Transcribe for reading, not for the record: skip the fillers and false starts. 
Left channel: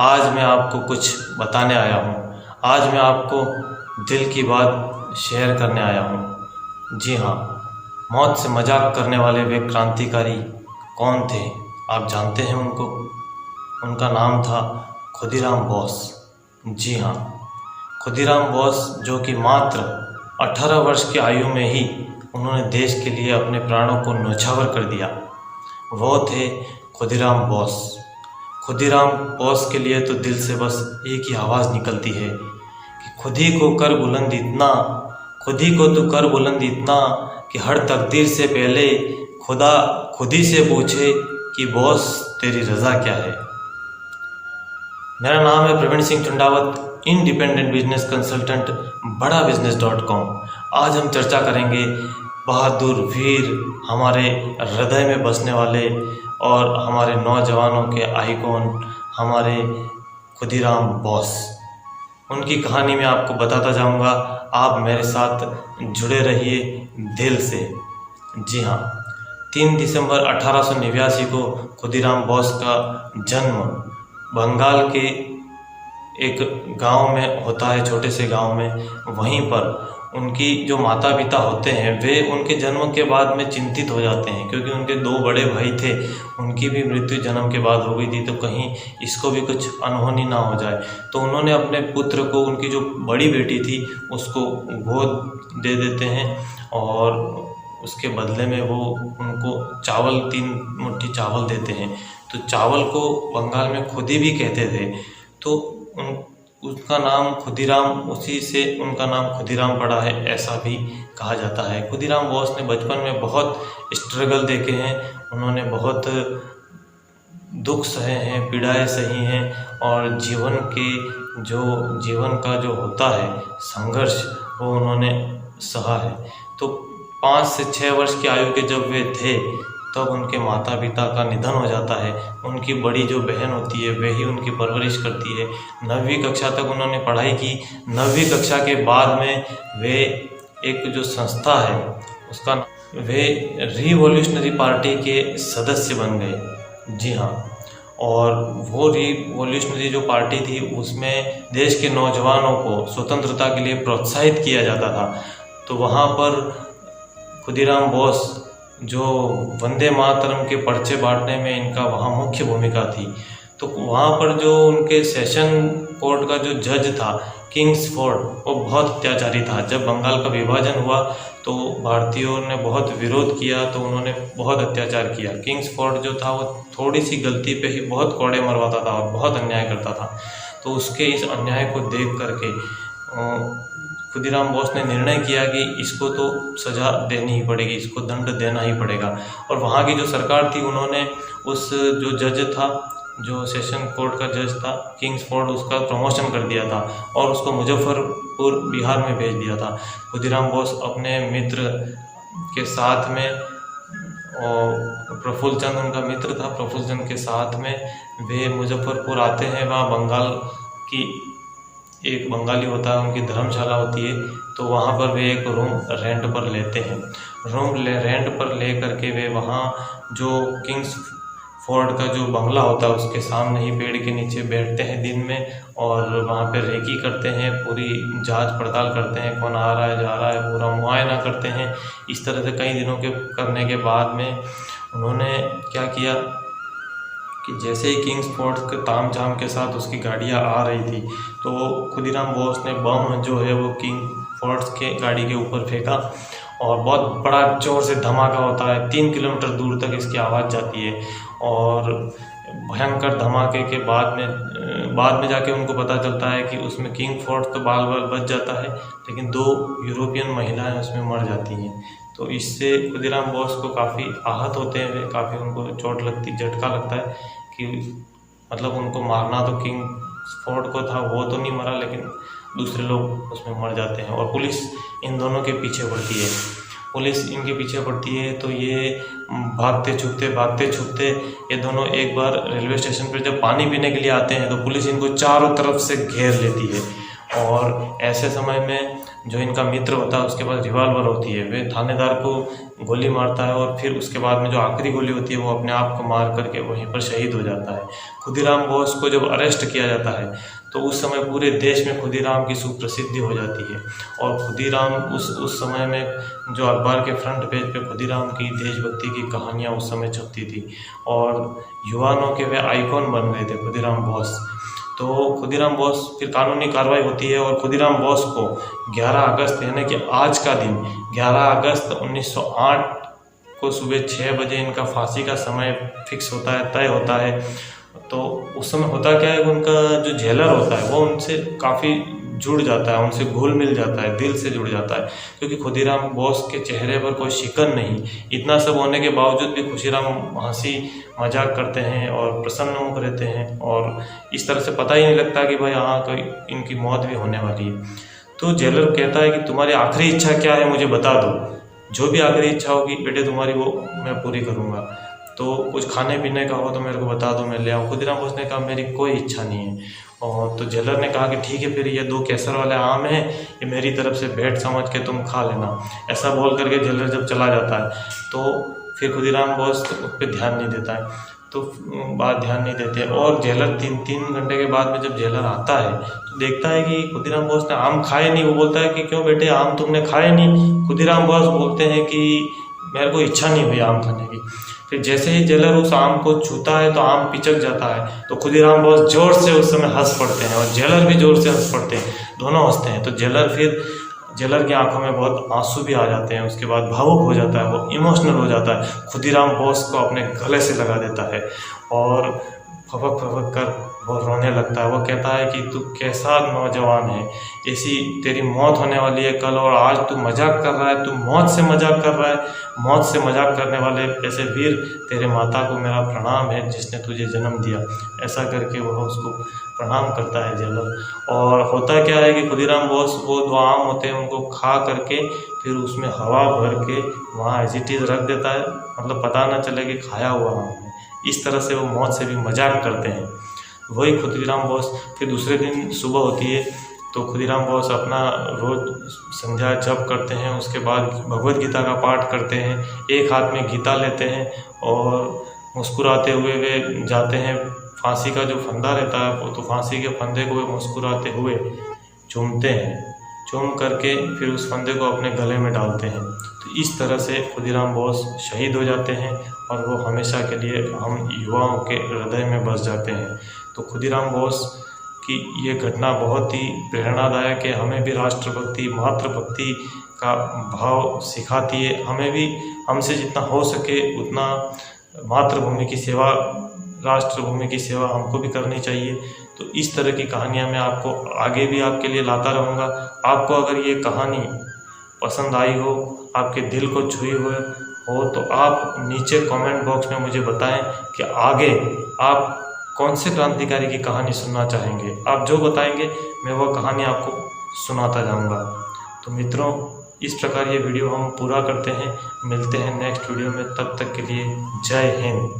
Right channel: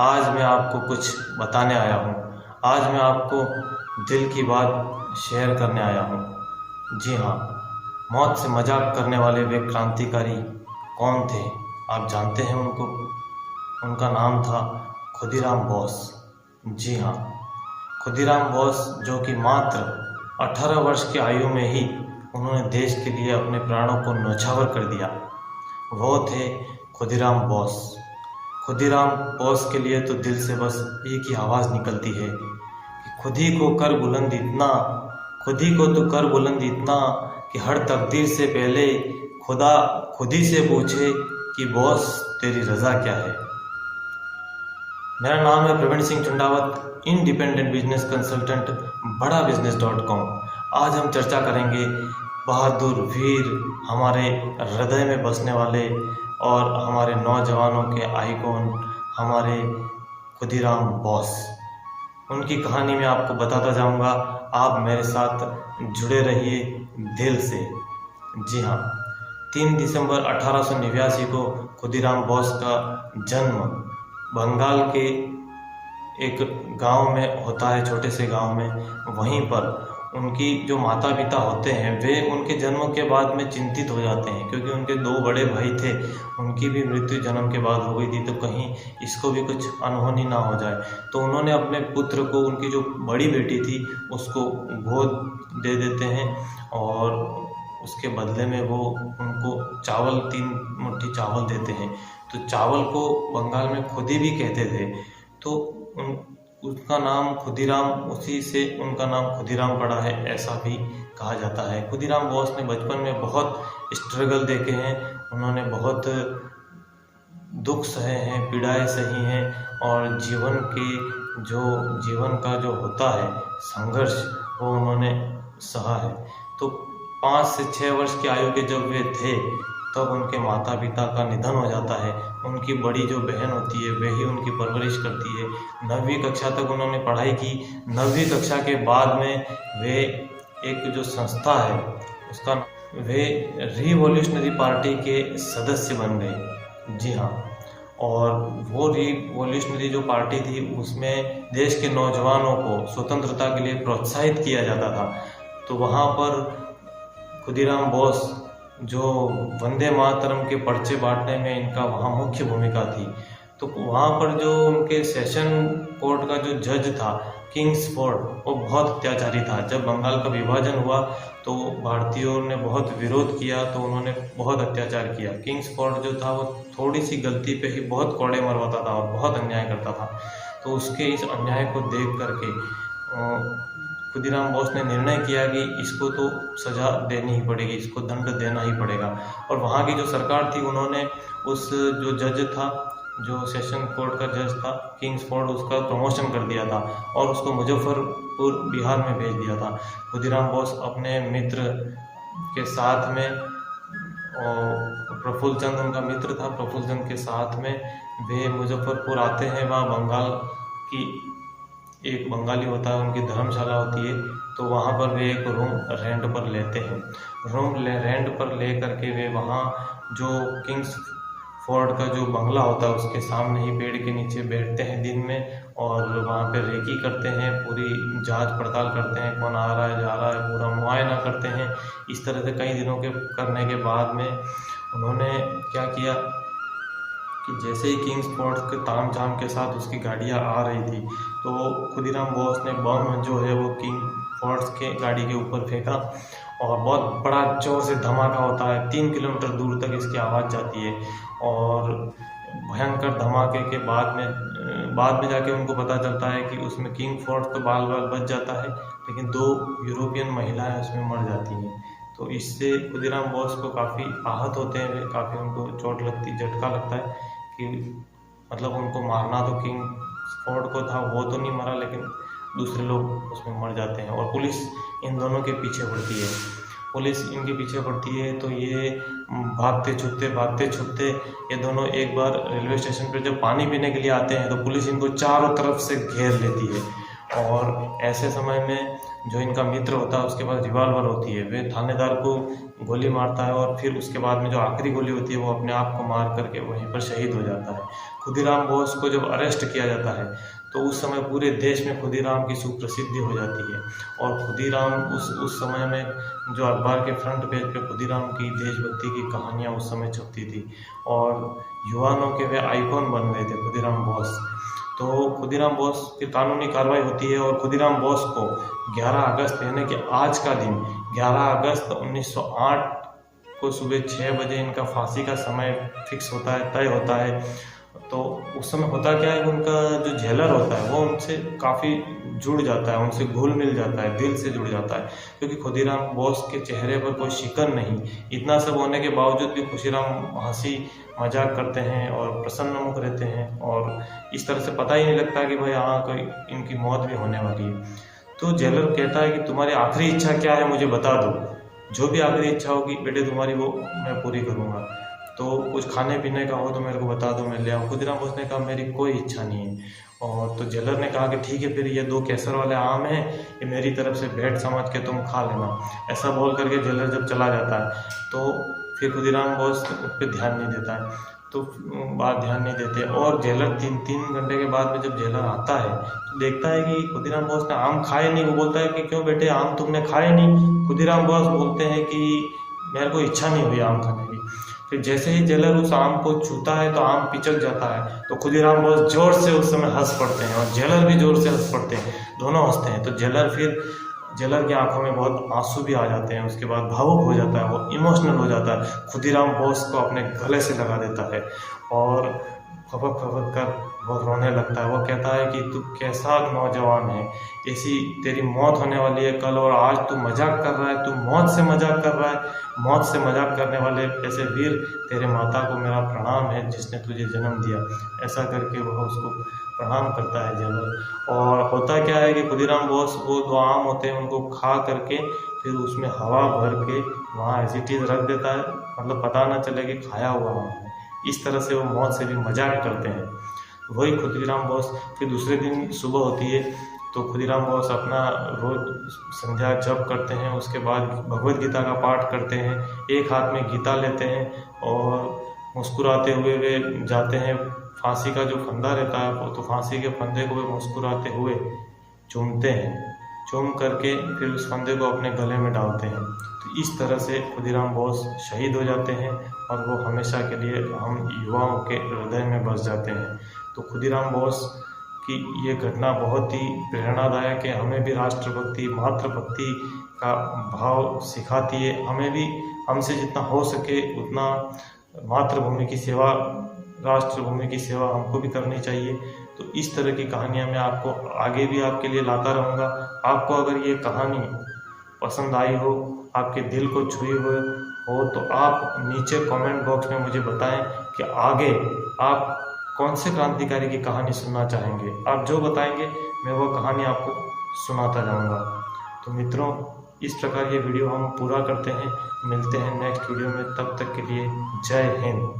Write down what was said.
आज मैं आपको कुछ बताने आया हूँ। आज मैं आपको दिल की बात शेयर करने आया हूँ। जी हाँ, मौत से मजाक करने वाले वे क्रांतिकारी कौन थे? आप जानते हैं उनको? उनका नाम था खुदीराम बोस। जी हाँ, खुदीराम बोस, जो कि मात्र 18 वर्ष की आयु में ही उन्होंने देश के लिए अपने प्राणों को न्यौछावर कर दिया। वो थे खुदीराम बोस। खुदीराम बोस के लिए तो दिल से बस एक ही आवाज़ निकलती है कि खुद ही को कर बुलंद इतना, खुद ही को तू कर बुलंद इतना कि हर तकदीर से पहले खुदा खुद ही से पूछे कि बॉस तेरी रज़ा क्या है। मेरा नाम है Praveen Singh Chundawat, independent business consultant, बड़ाबिजनेस.com। आज हम चर्चा करेंगे बहादुर वीर, हमारे हृदय में बसने वाले और हमारे नौजवानों के आइकॉन, हमारे खुदीराम बोस। उनकी कहानी मैं आपको बताता जाऊंगा। आप मेरे साथ जुड़े रहिए दिल से। जी हाँ, 3 दिसंबर 1889 को खुदीराम बोस का जन्म बंगाल के एक गांव में होता है, छोटे से गांव में। वहीं पर उनकी जो माता पिता होते हैं वे उनके जन्म के बाद में चिंतित हो जाते हैं, क्योंकि उनके 2 बड़े भाई थे, उनकी भी मृत्यु जन्म के बाद हो गई थी, तो कहीं इसको भी कुछ अनहोनी ना हो जाए। तो उन्होंने अपने पुत्र को, उनकी जो बड़ी बेटी थी उसको गोद दे देते हैं और उसके बदले में वो उनको चावल, 3 मुट्ठी चावल देते हैं। तो चावल को बंगाल में खुदी भी कहते थे, तो उसका नाम खुदीराम, उसी से उनका नाम खुदीराम पड़ा है, ऐसा भी कहा जाता है। खुदीराम बोस ने बचपन में बहुत स्ट्रगल देखे हैं, उन्होंने बहुत दुख सहे हैं, पीड़ाएं सही हैं और जीवन का जो होता है संघर्ष, वो उन्होंने सहा है। तो 5 से 6 वर्ष की आयु के जब वे थे तब उनके माता पिता का निधन हो जाता है। उनकी बड़ी जो बहन होती है वही उनकी परवरिश करती है। 9वीं कक्षा तक उन्होंने पढ़ाई की। 9वीं कक्षा के बाद में वे एक जो संस्था है उसका, वे रिवॉल्यूशनरी पार्टी के सदस्य बन गए। जी हाँ, और वो रिवॉल्यूशनरी जो पार्टी थी उसमें देश के नौजवानों को स्वतंत्रता के लिए प्रोत्साहित किया जाता था। तो वहाँ पर खुदीराम बोस, जो वंदे मातरम के पर्चे बांटने में इनका वहाँ मुख्य भूमिका थी। तो वहाँ पर जो उनके सेशन कोर्ट का जो जज था किंग्सफोर्ड, वो बहुत अत्याचारी था। जब बंगाल का विभाजन हुआ तो भारतीयों ने बहुत विरोध किया, तो उन्होंने बहुत अत्याचार किया। किंग्सफोर्ड जो था वो थोड़ी सी गलती पे ही बहुत कोड़े मरवाता था और बहुत अन्याय करता था। तो उसके इस अन्याय को देख करके खुदीराम बोस ने निर्णय किया कि इसको तो सज़ा देनी ही पड़ेगी, इसको दंड देना ही पड़ेगा। और वहाँ की जो सरकार थी उन्होंने उस जो जज था, जो सेशन कोर्ट का जज था किंग्सफोर्ड, उसका प्रमोशन कर दिया था और उसको मुजफ्फरपुर बिहार में भेज दिया था। खुदीराम बोस अपने मित्र के साथ में, और प्रफुल्ल चंद उनका मित्र था, प्रफुल्ल चंद के साथ में वे मुजफ्फरपुर आते हैं। वहाँ बंगाल की एक बंगाली होता है, उनकी धर्मशाला होती है, तो वहाँ पर वे एक रूम रेंट पर लेते हैं। रेंट पर ले करके वे वहाँ जो किंग्सफोर्ड का जो बंगला होता है उसके सामने ही पेड़ के नीचे बैठते हैं दिन में और वहाँ पे रेकी करते हैं, पूरी जांच पड़ताल करते हैं, कौन आ रहा है जा रहा है, पूरा मुआयना करते हैं। इस तरह से कई दिनों के करने के बाद में उन्होंने क्या किया कि जैसे ही किंग्सफोर्ड के तामझाम के साथ उसकी गाड़ियाँ आ रही थी, तो खुदीराम बोस ने बम जो है वो किंग्सफोर्ड के गाड़ी के ऊपर फेंका और बहुत बड़ा जोर से धमाका होता है। 3 किलोमीटर दूर तक इसकी आवाज़ जाती है और भयंकर धमाके के बाद में जाके उनको पता चलता है कि उसमें किंग्सफोर्ड तो बाल बच जाता है, लेकिन 2 यूरोपियन महिलाएं उसमें मर जाती हैं। तो इससे खुदीराम बोस को काफ़ी आहत होते हैं, काफ़ी उनको चोट लगती, झटका लगता है कि मतलब उनको मारना तो किंग्सफोर्ड को था, वो तो नहीं मरा, लेकिन दूसरे लोग उसमें मर जाते हैं। और पुलिस इन दोनों के पीछे पड़ती है। पुलिस इनके पीछे पड़ती है तो ये भागते छुपते ये दोनों एक बार रेलवे स्टेशन पर जब पानी पीने के लिए आते हैं तो पुलिस इनको चारों तरफ से घेर लेती है। और ऐसे समय में जो इनका मित्र होता है उसके पास रिवॉल्वर होती है, वे थानेदार को गोली मारता है और फिर उसके बाद में जो आखिरी गोली होती है वो अपने आप को मार करके वहीं पर शहीद हो जाता है। खुदीराम बोस को जब अरेस्ट किया जाता है तो उस समय पूरे देश में खुदीराम की सुप्रसिद्धि हो जाती है और खुदीराम उस समय में जो अखबार के फ्रंट पेज पे खुदीराम की देशभक्ति की कहानियाँ उस समय छपती थी और युवाओं के वे आइकॉन बन गए थे खुदीराम बोस। तो खुदीराम बोस फिर कानूनी कार्रवाई होती है और खुदीराम बोस को 11 अगस्त यानी कि आज का दिन 11 अगस्त 1908 को सुबह 6 बजे इनका फांसी का समय फिक्स होता है, तय होता है। तो उस समय होता क्या है कि उनका जो जेलर होता है वो उनसे काफ़ी जुड़ जाता है, उनसे घुल मिल जाता है, दिल से जुड़ जाता है, क्योंकि खुदीराम बोस के चेहरे पर कोई शिकन नहीं। इतना सब होने के बावजूद भी खुदीराम हंसी मजाक करते हैं और प्रसन्नमुख रहते हैं और इस तरह से पता ही नहीं लगता कि भाई हाँ कोई इनकी मौत भी होने वाली है। तो जेलर कहता है कि तुम्हारी आखिरी इच्छा क्या है, मुझे बता दो, जो भी आखिरी इच्छा होगी बेटे तुम्हारी वो मैं पूरी करूँगा। तो कुछ खाने पीने का हो तो मेरे को बता दो, मैं ले आऊँ। खुदीराम बोस ने कहा मेरी कोई इच्छा नहीं है। और तो जेलर ने कहा कि ठीक है, फिर ये 2 केसर वाले आम हैं, ये मेरी तरफ से भेंट समझ के तुम खा लेना। ऐसा बोल करके जेलर जब चला जाता है तो फिर खुदीराम बोस उस पर ध्यान नहीं देता है, तो बात ध्यान नहीं देते और जेलर 3 घंटे के बाद में जब जेलर आता है तो देखता है कि खुदीराम बोस ने आम खाए नहीं। वो बोलता है कि क्यों बेटे आम तुमने खाए नहीं? खुदीराम बोस बोलते हैं कि मेरे को इच्छा नहीं हुई आम खाने की। फिर जैसे ही जेलर उस आम को छूता है तो आम पिचक जाता है, तो खुदीराम बोस जोर से उस समय हंस पड़ते हैं और जेलर भी जोर से हंस पड़ते हैं, दोनों हंसते हैं। तो जेलर की आंखों में बहुत आंसू भी आ जाते हैं, उसके बाद भावुक हो जाता है, वो इमोशनल हो जाता है, खुदीराम बोस को अपने गले से लगा देता है और फपक कर वो रोने लगता है। वो कहता है कि तू कैसा नौजवान है, ऐसी तेरी मौत होने वाली है कल और आज तू मजाक कर रहा है, तू मौत से मजाक कर रहा है। मौत से मजाक करने वाले ऐसे वीर, तेरे माता को मेरा प्रणाम है जिसने तुझे जन्म दिया। ऐसा करके वह उसको प्रणाम करता है जेलर। और होता क्या है कि खुदीराम बोस वो 2 आम होते हैं उनको खा करके फिर उसमें हवा भर के वहाँ एज इट इज़ रख देता है, मतलब पता ना चले कि खाया हुआ आम है। इस तरह से वो मौत से भी मजाक करते हैं। वही खुदीराम बोस फिर दूसरे दिन सुबह होती है तो खुदीराम बोस अपना रोज संध्या जप करते हैं, उसके बाद भगवद गीता का पाठ करते हैं, एक हाथ में गीता लेते हैं और मुस्कुराते हुए वे जाते हैं। फांसी का जो फंदा रहता है वो तो फांसी के फंदे को वे मुस्कुराते हुए चूमते हैं, चूम करके फिर उस फंदे को अपने गले में डालते हैं। तो इस तरह से खुदीराम बोस शहीद हो जाते हैं और वो हमेशा के लिए हम युवाओं के हृदय में बस जाते हैं। तो खुदीराम बोस कि ये घटना बहुत ही प्रेरणादायक है, हमें भी राष्ट्रभक्ति मातृभक्ति का भाव सिखाती है। हमें भी हमसे जितना हो सके उतना मातृभूमि की सेवा, राष्ट्रभूमि की सेवा हमको भी करनी चाहिए। तो इस तरह की कहानियाँ मैं आपको आगे भी आपके लिए लाता रहूँगा। आपको अगर ये कहानी पसंद आई हो, आपके दिल को छुई हुए हो, तो आप नीचे कमेंट बॉक्स में मुझे बताएं कि आगे आप कौन से क्रांतिकारी की कहानी सुनना चाहेंगे। आप जो बताएंगे मैं वो कहानी आपको सुनाता जाऊंगा। तो मित्रों, इस प्रकार ये वीडियो हम पूरा करते हैं। मिलते हैं नेक्स्ट वीडियो में, तब तक के लिए जय हिंद।